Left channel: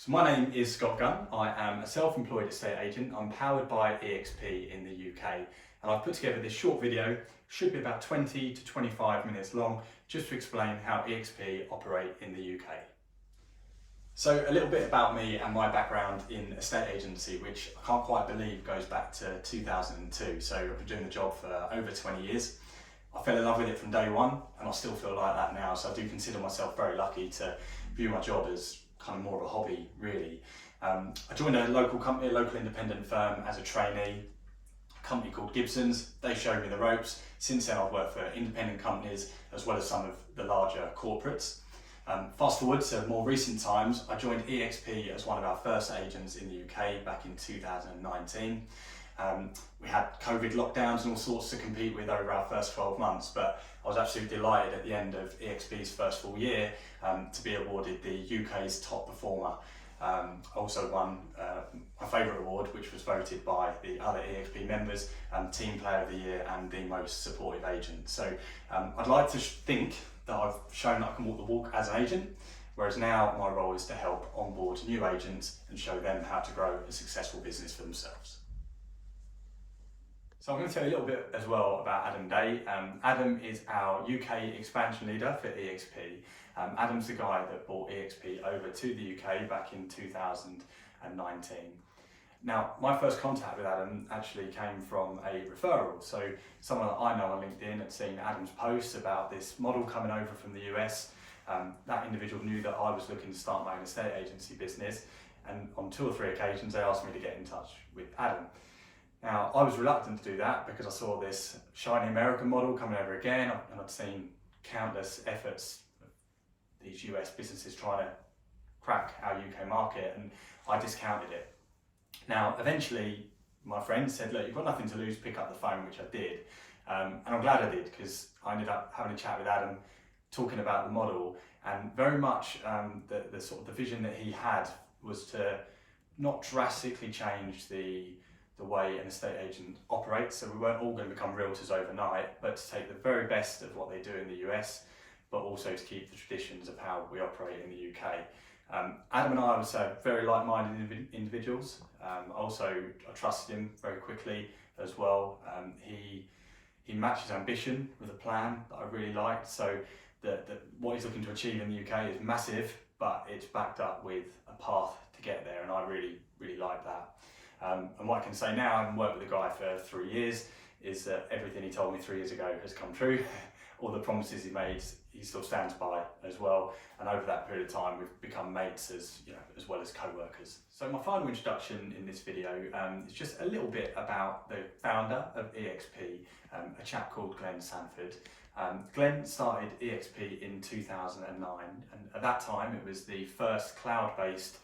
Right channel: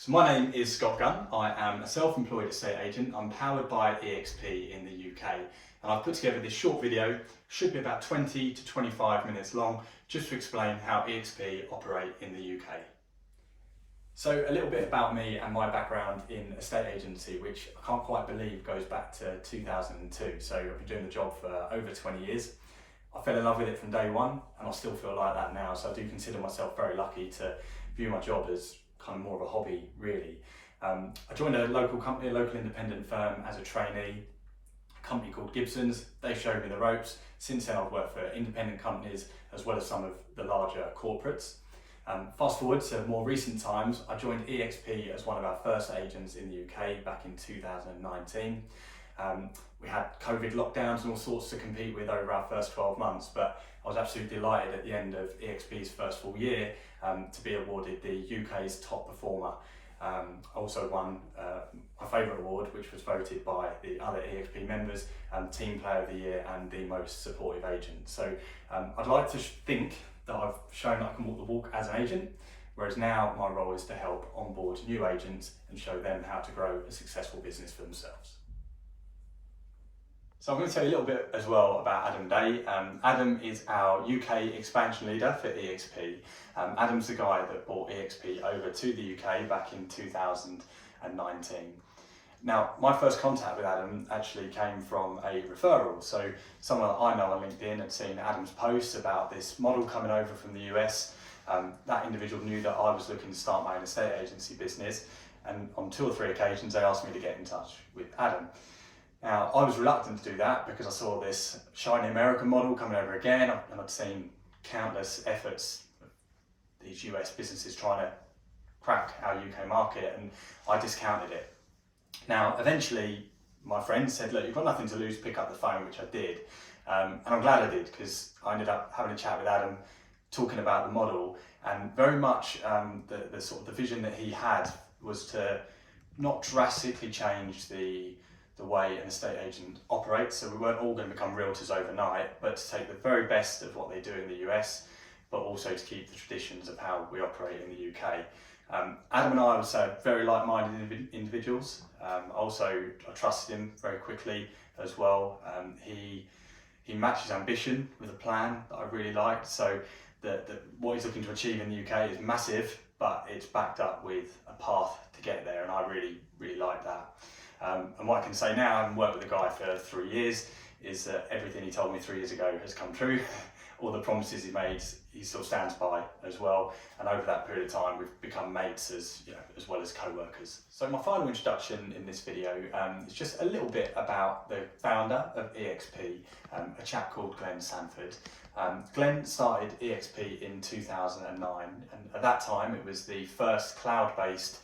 So my name is Scott Gunn. I am a self-employed estate agent. I'm powered by eXp in the UK, and I've put together this short video, should be about 20 to 25 minutes long, just to explain how eXp operate in the UK. So a little bit about me and my background in estate agency, which I can't quite believe goes back to 2002. So I've been doing the job for over 20 years. I fell in love with it from day one, and I still feel like that now. So I do consider myself very lucky to view my job as kind of more of a hobby, really. I joined a local company, a local independent firm as a trainee, a company called Gibson's. They showed me the ropes. Since then I've worked for independent companies as well as some of the larger corporates. Fast forward to more recent times, I joined eXp as one of our first agents in the UK back in 2019. We had COVID lockdowns and all sorts to compete with over our first 12 months, but I was absolutely delighted at the end of eXp's first full year to be awarded the UK's top performer. I also won my favourite award, which was voted by the other eXp members, Team Player of the Year and the most supportive agent. So I'd like to think that I've shown that I can walk the walk as an agent, whereas now my role is to help onboard new agents and show them how to grow a successful business for themselves. So I'm going to tell you a little bit as well about Adam Day. Adam is our UK expansion leader for eXp. Adam's the guy that brought eXp over to the UK back in 2019. Now, my first contact with Adam actually came from a referral. So someone that I know on LinkedIn had seen Adam's post about this model coming over from the US. That individual knew that I was looking to start my own estate agency business, and on 2 or 3 occasions they asked me to get in touch with Adam. Now, I was reluctant to do that because I saw this shiny American model coming over again, and I'd seen countless efforts of these US businesses trying to crack our UK market, and I discounted it. Now, eventually, my friend said, look, you've got nothing to lose, pick up the phone, which I did. And I'm glad I did, because I ended up having a chat with Adam, talking about the model, and very much the sort of the vision that he had was to not drastically change the way an estate agent operates. So we weren't all going to become realtors overnight, but to take the very best of what they do in the US, but also to keep the traditions of how we operate in the UK. Adam and I would say very like-minded individuals. I trusted him very quickly as well. He matched his ambition with a plan that I really liked. So what he's looking to achieve in the UK is massive, but it's backed up with a path to get there, and I really like that. And what I can say now, having worked with the guy for 3 years, is that everything he told me 3 years ago has come true. All the promises he made, he still stands by as well. And over that period of time, we've become mates as well as co-workers. So my final introduction in this video is just a little bit about the founder of eXp, a chap called Glenn Sanford. Glenn started eXp in 2009, and at that time it was the first cloud-based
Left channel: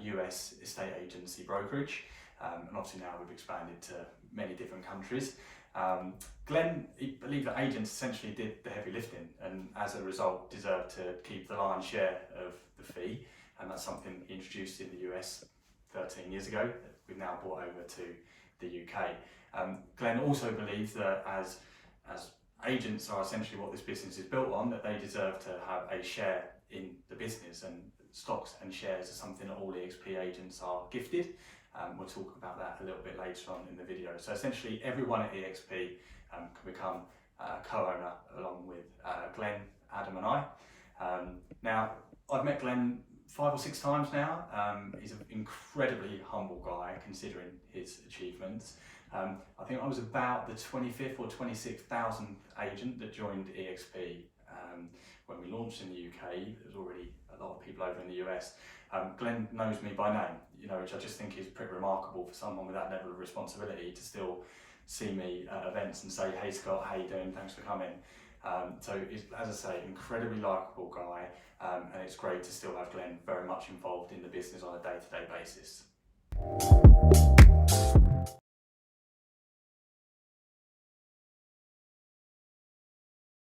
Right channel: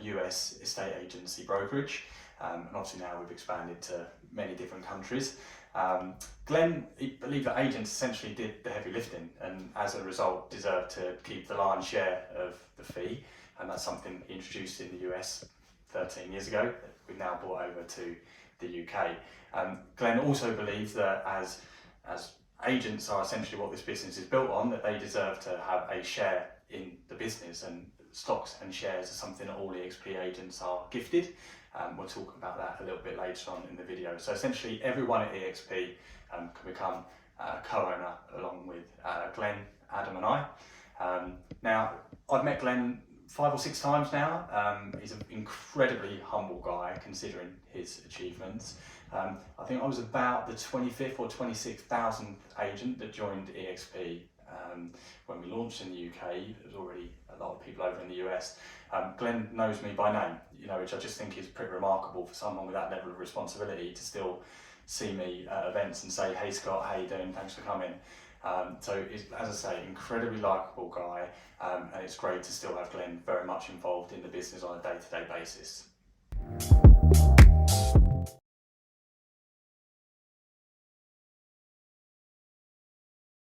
US estate agency brokerage. And obviously now we've expanded to many different countries. Glenn believed that agents essentially did the heavy lifting, and as a result deserved to keep the lion's share of the fee, and that's something he introduced in the US 13 years ago that we've now brought over to the UK. Glenn also believes that as agents are essentially what this business is built on, that they deserve to have a share in the business, and stocks and shares are something that all eXp agents are gifted. We'll talk about that a little bit later on in the video. So essentially everyone at eXp can become a co-owner along with Glenn, Adam and I. Now, I've met Glenn 5 or 6 times now. He's an incredibly humble guy considering his achievements. I think I was about the 25th or 26,000th agent that joined eXp when we launched in the UK. There was already a lot of people over in the US. Glenn knows me by name, which I just think is pretty remarkable for someone with that level of responsibility to still see me at events and say, hey Scott, how you doing? Thanks for coming. So as I say, incredibly likeable guy, and it's great to still have Glenn very much involved in the business on a day-to-day basis.